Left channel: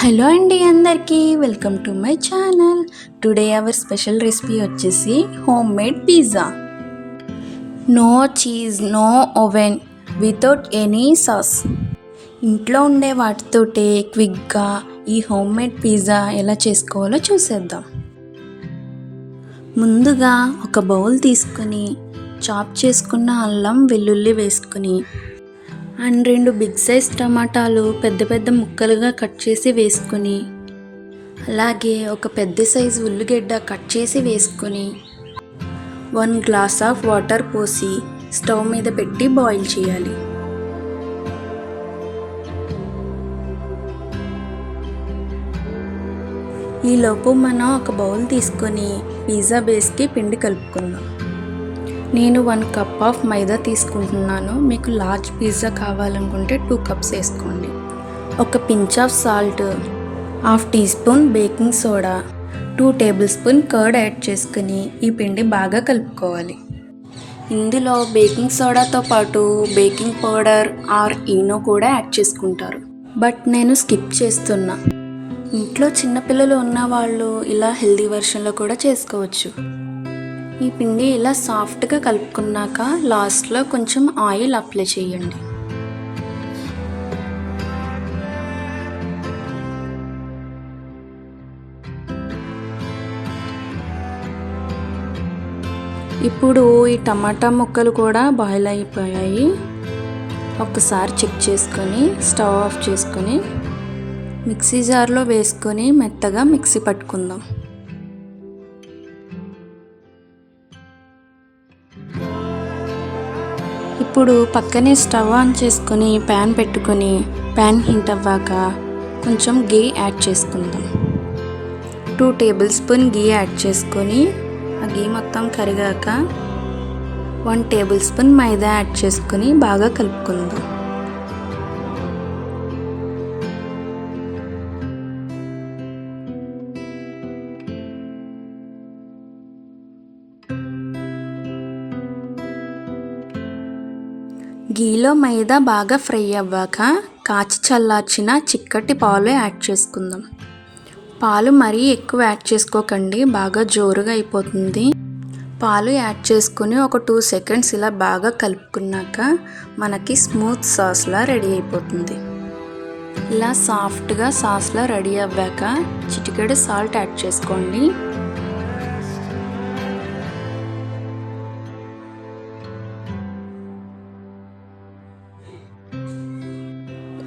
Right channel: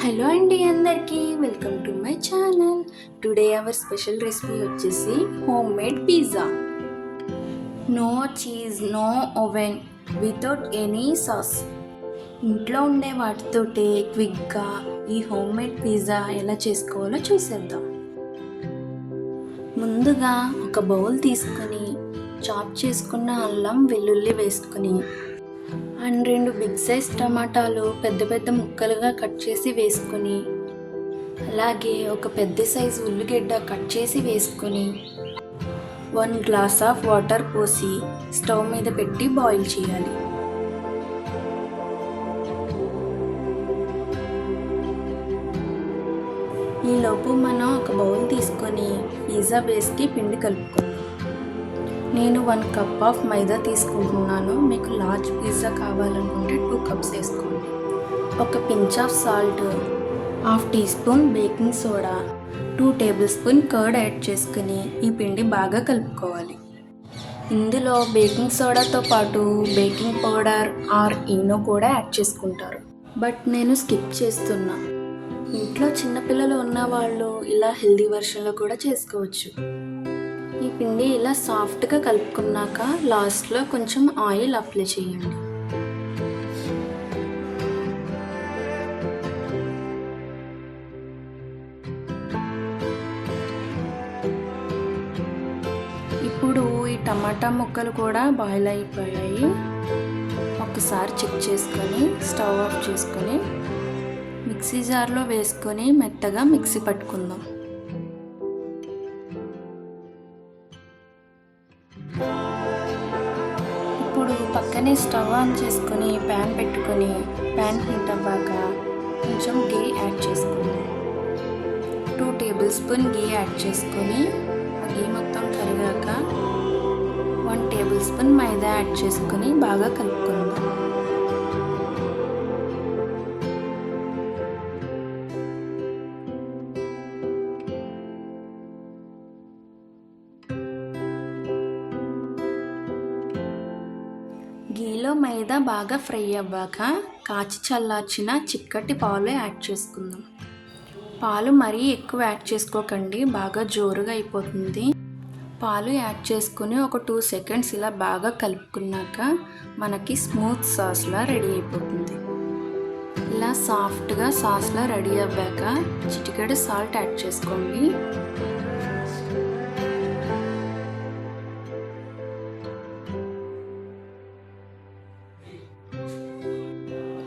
Hello అండి అందరికీ welcome to my channel. Today our special recipe వచ్చేసి homemade pizza. No cheese, no oven, without any sauce. ఇంట్లో ఉండే వాటితోటే క్విక్గా ఈ హోమ్ మేడ్ పిజ్జా ఎలా చేసుకోవాలో చూసేద్దాం. ముందుగా ఒక బౌల్ తీసుకొని చాప్ చేసుకున్న అల్లం వెల్లుల్లి వేసుకొని అండ్ 2 బిగ్ సైజ్ టమాటాలు పెద్ద పెద్ద ముక్కలుగా కట్ చేసి వేసుకొని, అలాగే ఒక పెద్ద సైజు ఉల్లిగడ్డ కట్ చేసి వేసుకొని 1 గ్లాస్ ఆఫ్ వాటర్ పోసి స్టవ్ మీద పెట్టి బాయిల్ చేయాలి. ఈలోపు మనం ఒక బౌల్ తీసుకొని పిజ్జా బేస్కి పిండి కలుపుకుందాం. నేను 1 కప్ ఆఫ్ మైదా తీసుకుంటున్నాను. మీకు లార్జ్ పిజ్జా కావాలనుకుంటే 2 కప్స్ వేసుకోండి. ఒక pinch of salt, half teaspoon baking soda, 2 tablespoon curd add చేసుకుని ఈ పిండి బాగా కలుపుకోవాలి. ఇందులో బేకింగ్ సోడాతో పాటు బేకింగ్ పౌడర్ ఆర్ ఈనో కూడా యాడ్ చేసుకుంటారు, బట్ నేను స్కిప్ చేస్తున్నా. ఇంట్లో చిన్నపిల్లలు ఉన్నవాళ్ళు ఇలా హెల్దీ వెర్షన్లో కూడా చేసుకోవచ్చు. ఈ పిండి ఇలా సాఫ్ట్గా కలుపుకున్నాక లాస్ట్లో కొంచెం ఆయిల్ అప్లై చేయండి. ఇప్పుడు ఈ టమాటా ముక్కలు కూడా బాయిల్ అయిపోయాయి. ఒకసారి చెక్ చేసుకొని స్టవ్ ఆఫ్ చేసుకొని మిక్సీ జార్లో వేసుకొని మెత్తగా మిక్సీ పట్టుకుందాం. ఇప్పుడు పక్కనే స్టవ్ ఆన్ చేసుకొని ప్యాన్ పెట్టుకొని ప్యాన్ హీట్ అవ్వాక కొంచెం గీ యాడ్ చేసుకుందాం. 2 టేబుల్ స్పూన్ గీ యాడ్ చేసుకొని ఆ గీ మొత్తం కరిగాక 1 టేబుల్ స్పూన్ మైదా యాడ్ చేసుకొని బాగా కలుపుకుందాం. గీలో మైదా బాగా ఫ్రై అవ్వాక కాచి చల్లార్చిన చిక్కటి పాలు యాడ్ చేసుకుందాం. పాలు మరీ ఎక్కువ యాడ్ చేసుకోకండి, బాగా జోరుగా అయిపోతుంది. పాలు యాడ్ చేసుకుని ఒక 2 సెకండ్స్ ఇలా బాగా కలుపుకున్నాక మనకి స్మూత్ సాస్లా రెడీ అయిపోతుంది. ఇలా సాఫ్ట్గా సాస్లా రెడీ అవ్వాక చిటికెడు సాల్ట్ యాడ్ చేసుకోండి.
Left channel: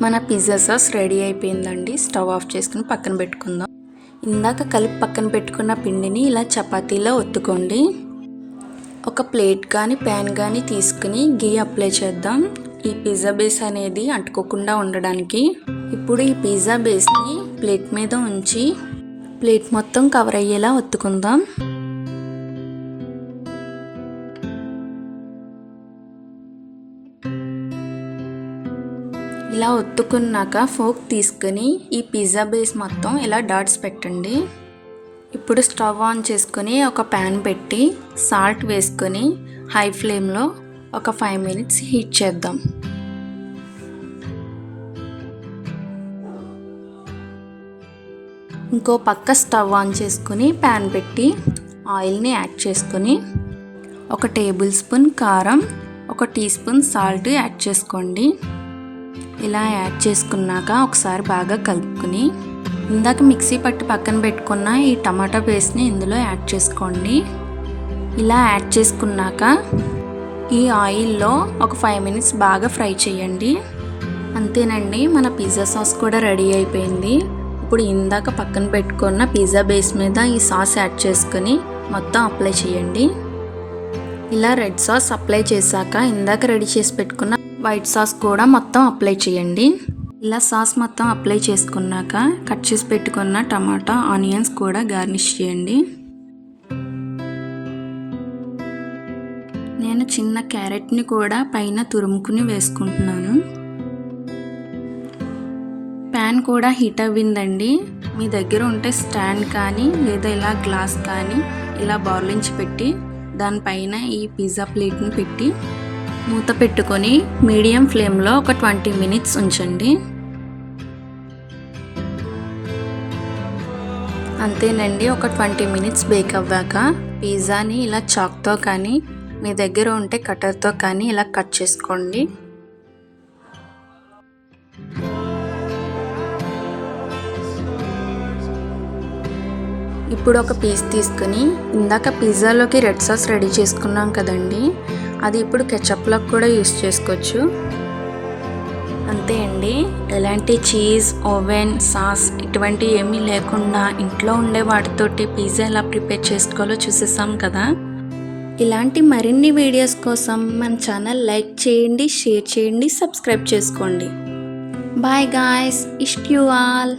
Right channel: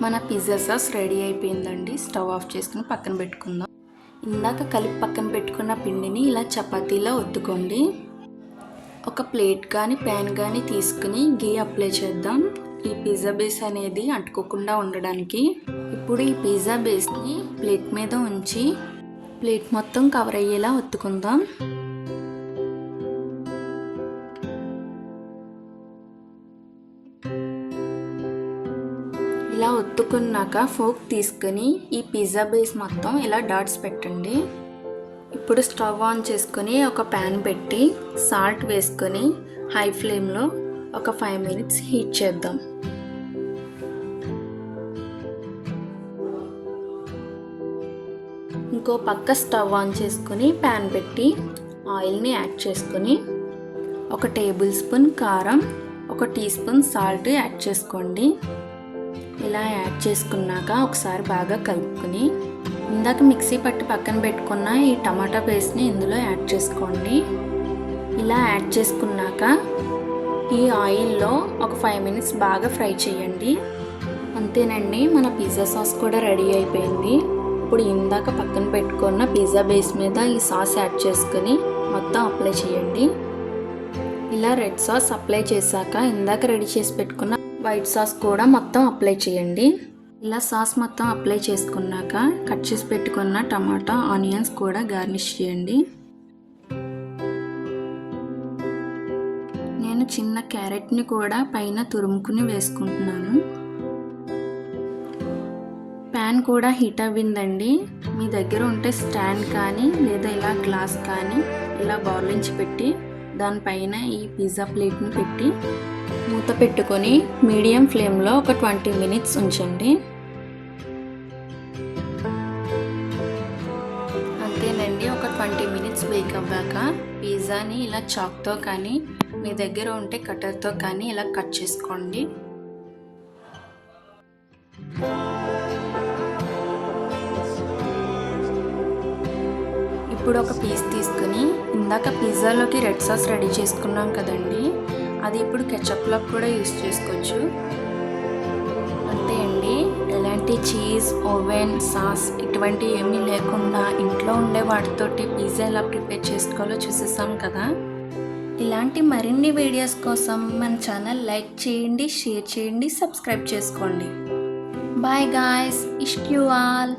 మన పిజ్జా సాస్ రెడీ అయిపోయిందండి. స్టవ్ ఆఫ్ చేసుకుని పక్కన పెట్టుకుందాం. ఇందాక కలిపి పక్కన పెట్టుకున్న పిండిని ఇలా చపాతీలో ఒత్తుకోండి. ఒక ప్లేట్ కానీ ప్యాన్ కానీ తీసుకుని గీ అప్లై చేద్దాం, ఈ పిజ్జా బేస్ అనేది అంటుకోకుండా ఉండడానికి. ఇప్పుడు ఈ పిజ్జా బేస్ని ప్లేట్ మీద ఉంచి ప్లేట్ మొత్తం కవర్ అయ్యేలా ఒత్తుకుందాం. ఇలా ఒత్తుకున్నాక ఫోక్ తీసుకుని ఈ పిజ్జా బేస్ మొత్తం ఇలా డాట్స్ పెట్టండి. ఇప్పుడు స్టవ్ ఆన్ చేసుకొని ఒక ప్యాన్ పెట్టి సాల్ట్ వేసుకొని హై ఫ్లేమ్లో ఒక 5 మినిట్స్ హీట్ చేద్దాం. ఇంకో పక్క స్టవ్ ఆన్ చేసుకొని ప్యాన్ పెట్టి ఆయిల్ని యాడ్ చేసుకొని ఒక టేబుల్ స్పూన్ కారం, ఒక టీ స్పూన్ సాల్ట్ యాడ్ చేసుకోండి. ఇలా యాడ్ చేసుకున్నాక ఒకసారి బాగా కలుపుకొని ఇందాక మిక్సీ పట్టి పక్కన పెట్టుకున్న ఈ టమాటా పేస్ట్ని ఇందులో యాడ్ చేసుకోండి. ఇలా యాడ్ చేసుకున్నాక ఈ ఆయిల్లో ఒక 5 మినిట్స్ బాగా ఫ్రై చేయండి. అంతేనండి, మన పిజ్జా సాస్ కూడా రెడీ అయిపోయింది. ఇప్పుడు ఇందాక పక్కన పెట్టుకున్న పిజ్జా బేస్ మీద ఈ సాస్ యాడ్ చేసుకొని మొత్తం అప్లై చేయండి. ఇలా రెడ్ సాస్ అప్లై చేశాక ఇందాక రెడీ చేసి పెట్టుకున్న వైట్ సాస్ కూడా మొత్తం అప్లై చేయండి. ఇలా సాస్ మొత్తం అప్లై చేసుకున్నాక కట్ చేసి పెట్టుకున్న టమాటా, ఆనియన్స్ కూడా గార్నిష్ చేయండి. నేను చిన్న క్యారెట్ని కూడా పైన తురుముకుని వేసుకుంటున్నాను. ప్యాన్ కూడా హీట్ అవ్విందండి. మీ దగ్గర ఉంటే స్టాండ్ కానీ లేదా ఇలా గ్లాస్ కానీ ఇలా బౌలించి పెట్టి దానిపైన ఈ పిజ్జా ప్లేట్ని పెట్టి మూత పెట్టుకొని మీడియం ఫ్లేమ్లో ఒక 20 మినిట్స్ ఉంచండి. అంతేనండి, ఒక 20 మినిట్స్ బేక్ అవ్వాక పిజ్జాని ఇలా చాక్తో కానీ మీ దగ్గర ఉంటే కటర్తో కానీ ఇలా కట్ చేసుకోండి. ఇప్పుడు ఒక పీస్ తీసుకుని ఇందాక పిజ్జాలోకి రెడ్ సాస్ రెడీ చేసుకున్నాం కదండి, అది ఇప్పుడు కెచప్లోకి కూడా యూస్ చేసుకోవచ్చు. అంతే అండి, ఎలాంటి చీజ్, ఓవెన్, సాస్ ఇటువంటి ఏమీ లేకుండా ఇంట్లో ఉండే వాటితోటి పిజ్జా ఎలా ప్రిపేర్ చేసుకోవాలో చూసేసాం కదా. ఇలాంటి మరిన్ని వీడియోస్ కోసం మన ఛానల్ లైక్ చేయండి, షేర్ చేయండి, సబ్స్క్రైబ్ చేసుకోండి. బాయ్ గాయ్స్, ఇష్ట్ యూ ఆల్.